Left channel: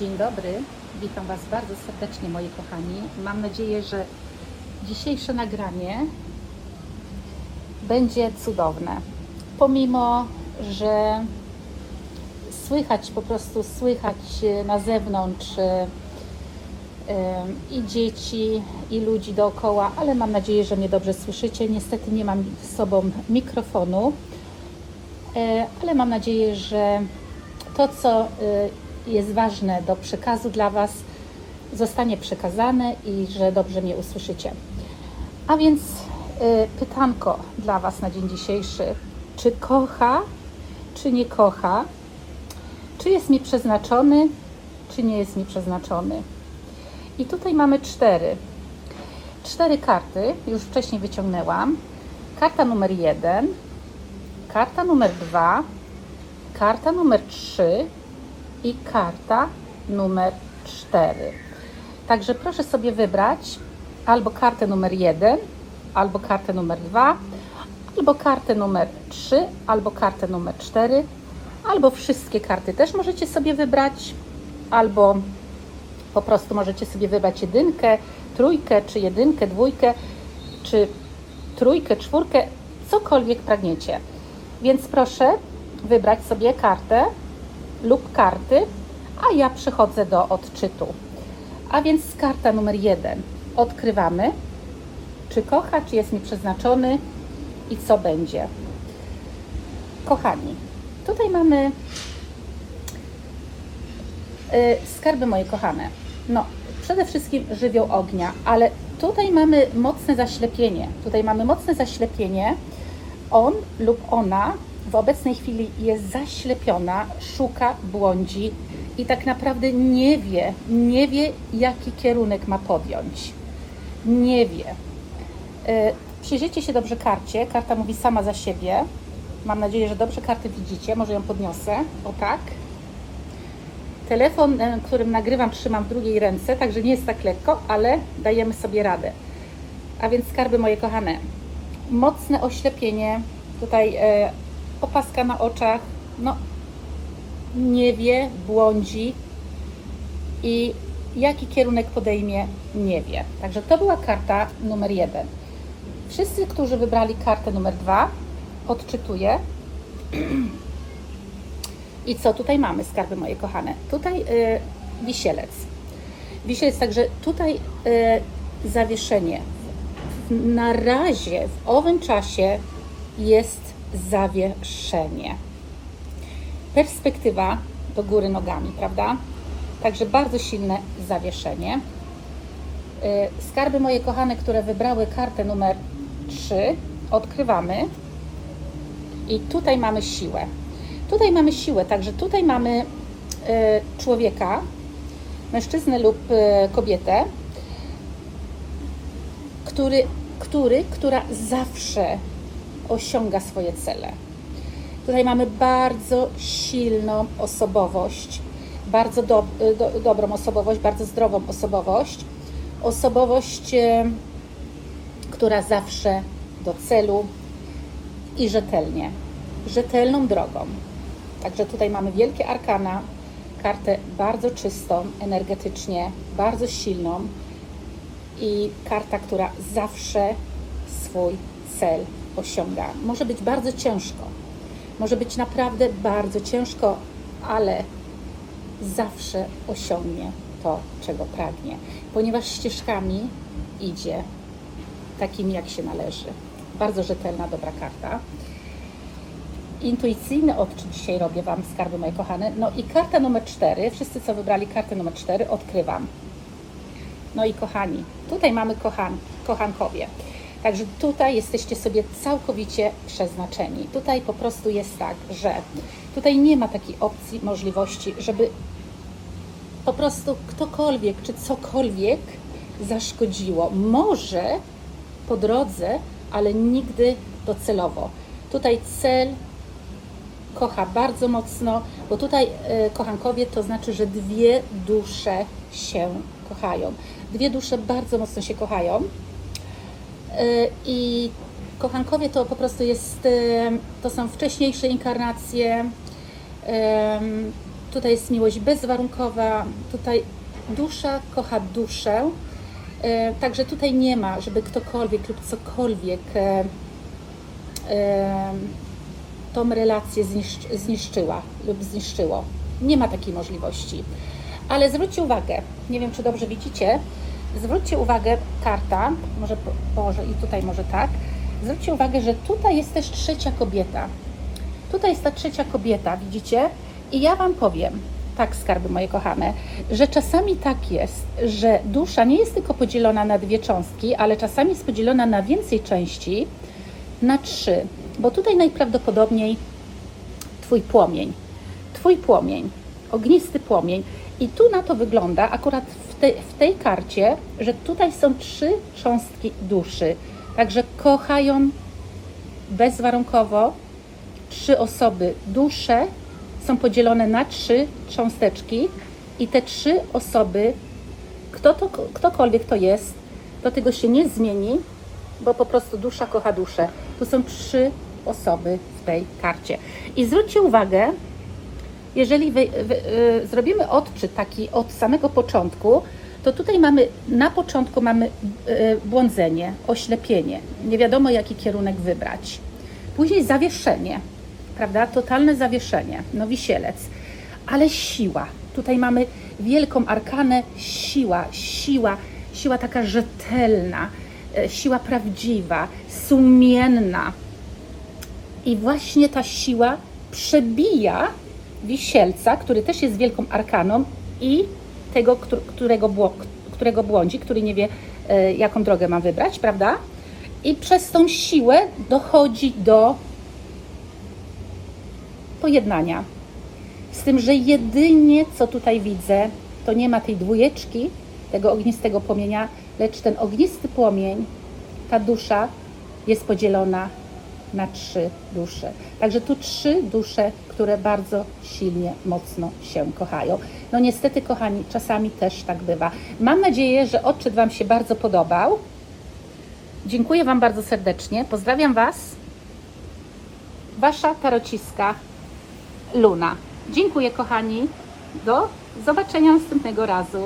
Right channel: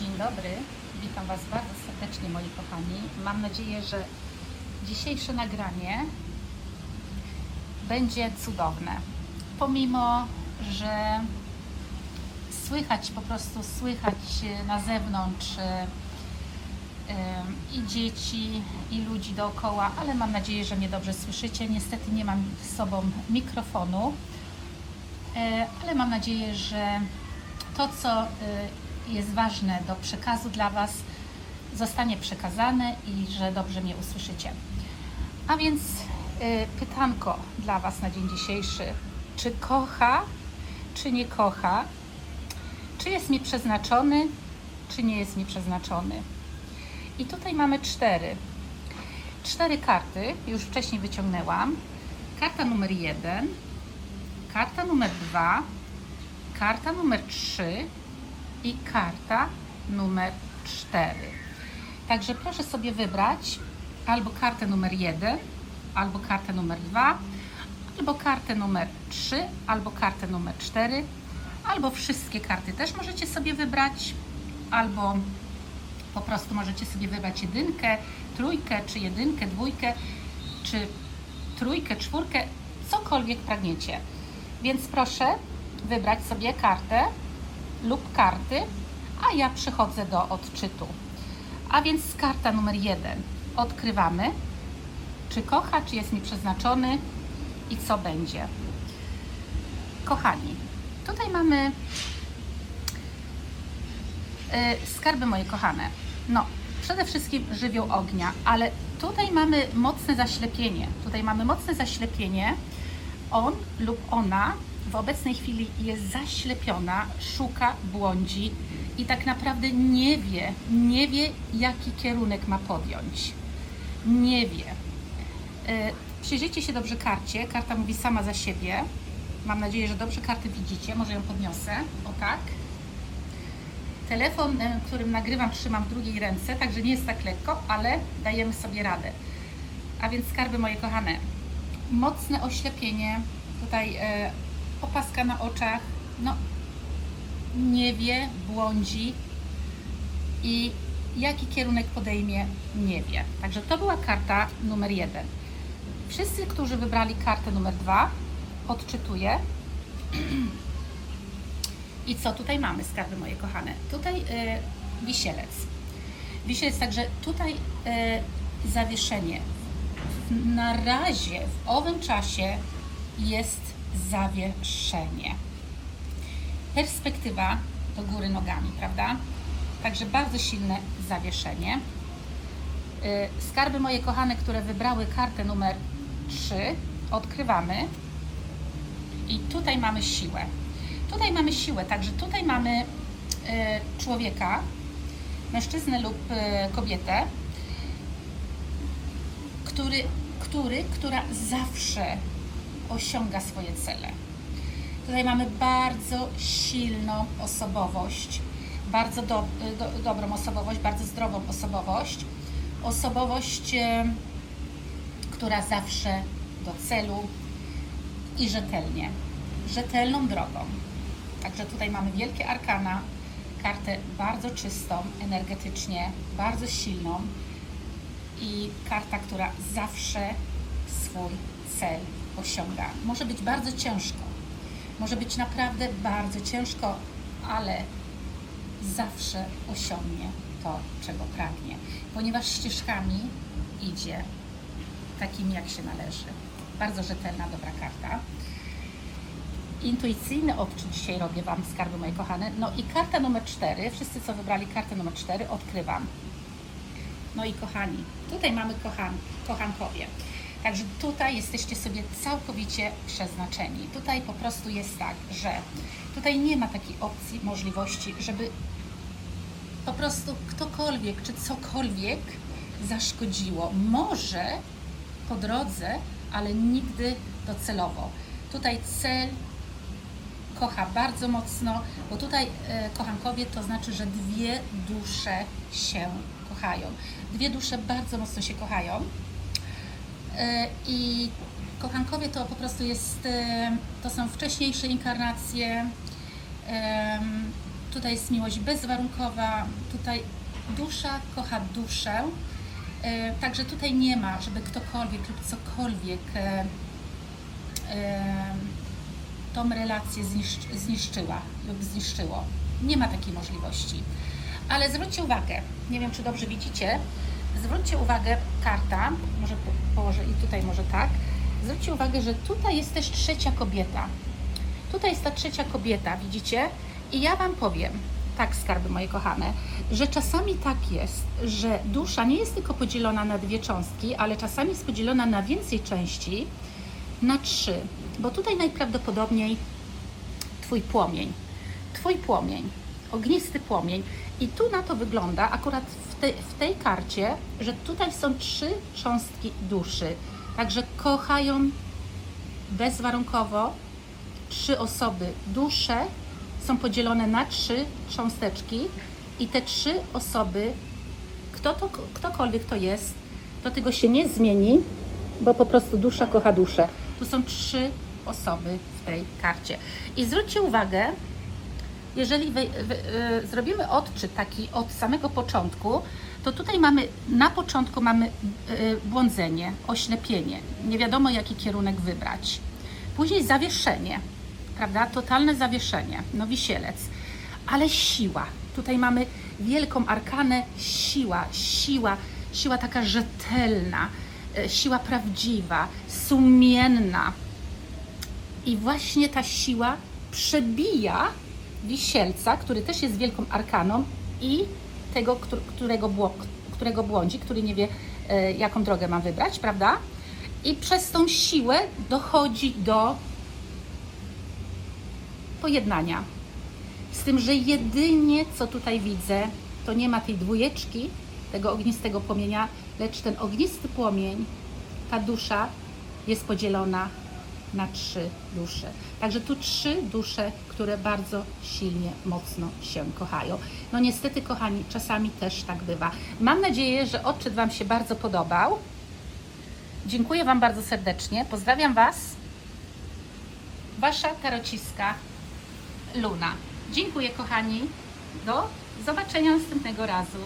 Dzień dobry, witam Was bardzo serdecznie moi kochani. Mam nadzieję, że dzisiejsze nagranie będzie cudowne. Pomimo, że słychać po prostu słychać na zewnątrz i dzieci, i ludzi dookoła, ale mam nadzieję, że mnie dobrze słyszycie. Niestety nie mam z sobą mikrofonu, e, ale mam nadzieję, że to, co y, jest ważne do przekazu dla Was, zostanie przekazane i że dobrze mnie usłyszycie. A więc y, pytanko dla Was na dzień dzisiejszy. Czy kocha, czy nie kocha? Czy jest mi przeznaczony, czy nie jest mi przeznaczony? I tutaj mamy cztery. Cztery karty, już wcześniej wyciągnęłam. Karta numer jeden, karta numer dwa, karta numer 3 i karta numer 4. Także proszę sobie wybrać albo kartę numer 1, albo kartę numer 2, albo kartę numer 3, albo kartę numer 4, albo wszystkie karty też możecie sobie wybrać, albo po prostu możecie sobie wybrać jedynkę, trójkę, czy jedynkę, dwójkę, czy trójkę, czwórkę, cokolwiek pragniecie. Więc proszę wybrać sobie kartę lub karty, a ja przechodzę do odczytu. A więc karta numer jeden. Odkrywamy, czy kocha, czy jest mi przeznaczony i co będzie. Kochani, tutaj mamy y, skarby moje kochane. No, przede wszystkim żywioł ognia, ale tutaj mamy mocne zaślepienie. Tutaj mamy mocne zaślepienie. On lub ona w obecnej chwili jest zaślepiona, szuka, błądzi i tak naprawdę nie wie, nie wie, jaki kierunek ma podjąć. Nie wie. E, Przyjrzyjcie się dobrze karcie. Karta mówi sama za siebie. Mam nadzieję, że dobrze kartę widzicie. Może ją podniosę. O tak. Telefon, e, którym nagrywam, trzymam w drugiej ręce, także nie jest tak lekko, ale dajemy sobie radę. A więc skarby moje kochane, mocne oślepienie, tutaj e, opaska na oczach, no nie wie, błądzi i jaki kierunek podejmie, nie wie. Także to była karta numer jeden. Wszyscy, którzy wybrali kartę numer dwa, odczytuję. I co tutaj mamy, skarby moje kochane? Tutaj y, wisielec. Wisielec, także tutaj y, zawieszenie. Na razie w owym czasie jest zawieszenie. Perspektywa do góry nogami, prawda? Także bardzo silne zawieszenie. Y, Skarby moje kochane, które wybrały kartę numer 3, odkrywamy. I tutaj mamy siłę. Tutaj mamy siłę, także tutaj mamy y, człowieka, mężczyznę lub y, kobietę, który, który, która zawsze osiąga swoje cele. Tutaj mamy bardzo silną osobowość, bardzo do, do, dobrą osobowość, bardzo zdrową osobowość. Osobowość, e, która zawsze do celu i rzetelnie, rzetelną drogą. Także tutaj mamy wielkie arkana, kartę bardzo czystą, energetycznie, bardzo silną i karta, która zawsze swój cel osiąga. Może być bardzo ciężko, może być naprawdę bardzo ciężko, ale zawsze osiągnie to, czego pragnie, ponieważ ścieżkami idzie takimi, jak się należy. Bardzo rzetelna, dobra karta. Intuicyjny odczyt dzisiaj robię Wam, skarby moje kochane. No i karta numer 4, wszyscy co wybrali kartę numer 4, odkrywam. No i kochani, tutaj mamy kochan, kochankowie. Także tutaj jesteście sobie całkowicie przeznaczeni. Tutaj po prostu jest tak, że tutaj nie ma takiej opcji, możliwości, żeby po prostu ktokolwiek czy cokolwiek zaszkodziło. Może po drodze, ale nigdy docelowo. Tutaj cel kocha bardzo mocno, bo tutaj e, kochankowie to znaczy, że dwie dusze się kochają. Dwie dusze bardzo mocno się kochają. E, I kochankowie to po prostu jest, e, to są wcześniejsze inkarnacje. tutaj jest miłość bezwarunkowa, tutaj dusza kocha duszę. E, Także tutaj nie ma, żeby ktokolwiek lub cokolwiek tą relację zniszcz, zniszczyła lub zniszczyło. Nie ma takiej możliwości. Ale zwróćcie uwagę, nie wiem czy dobrze widzicie, zwróćcie uwagę, karta, może, może i tutaj może tak, zwróćcie uwagę, że tutaj jest też trzecia kobieta. Tutaj jest ta trzecia kobieta, widzicie? I ja Wam powiem, tak skarby moje kochane, że czasami tak jest, że dusza nie jest tylko podzielona na dwie cząstki, ale czasami jest podzielona na więcej części, na trzy. Bo tutaj najprawdopodobniej Twój płomień, Twój płomień, ognisty płomień. I tu na to wygląda akurat w, tej w tej karcie, że tutaj są trzy cząstki duszy. Także kochają bezwarunkowo trzy osoby. Dusze są podzielone na trzy cząsteczki i te trzy osoby, kto to, ktokolwiek to jest, to tego się nie zmieni, bo po prostu dusza kocha duszę. To są trzy osoby w tej karcie. I zwróćcie uwagę, jeżeli wy, wy, y, zrobimy odczyt taki od samego początku, to tutaj mamy, na początku mamy y, błądzenie, oślepienie. Nie wiadomo, jaki kierunek wybrać. Później zawieszenie, prawda? Totalne zawieszenie, no wisielec. Ale siła. Tutaj mamy wielką arkanę, siła, siła, siła taka rzetelna, e, siła prawdziwa, sumienna. I właśnie ta siła przebija wisielca, który też jest wielką arkaną i tego, któ- którego, którego błądzi, który nie wie, e, jaką drogę ma wybrać, prawda? I przez tą siłę dochodzi do pojednania. Z tym, że jedynie co tutaj widzę, to nie ma tej dwójeczki, tego ognistego płomienia, lecz ten ognisty płomień, ta dusza jest podzielona na trzy dusze. Także tu trzy dusze, które bardzo silnie, mocno się kochają. No niestety, kochani, czasami też tak bywa. Mam nadzieję, że odczyt Wam się bardzo podobał. Dziękuję Wam bardzo serdecznie. Pozdrawiam Was. Wasza tarociska Luna. Dziękuję kochani. Do zobaczenia następnego razu.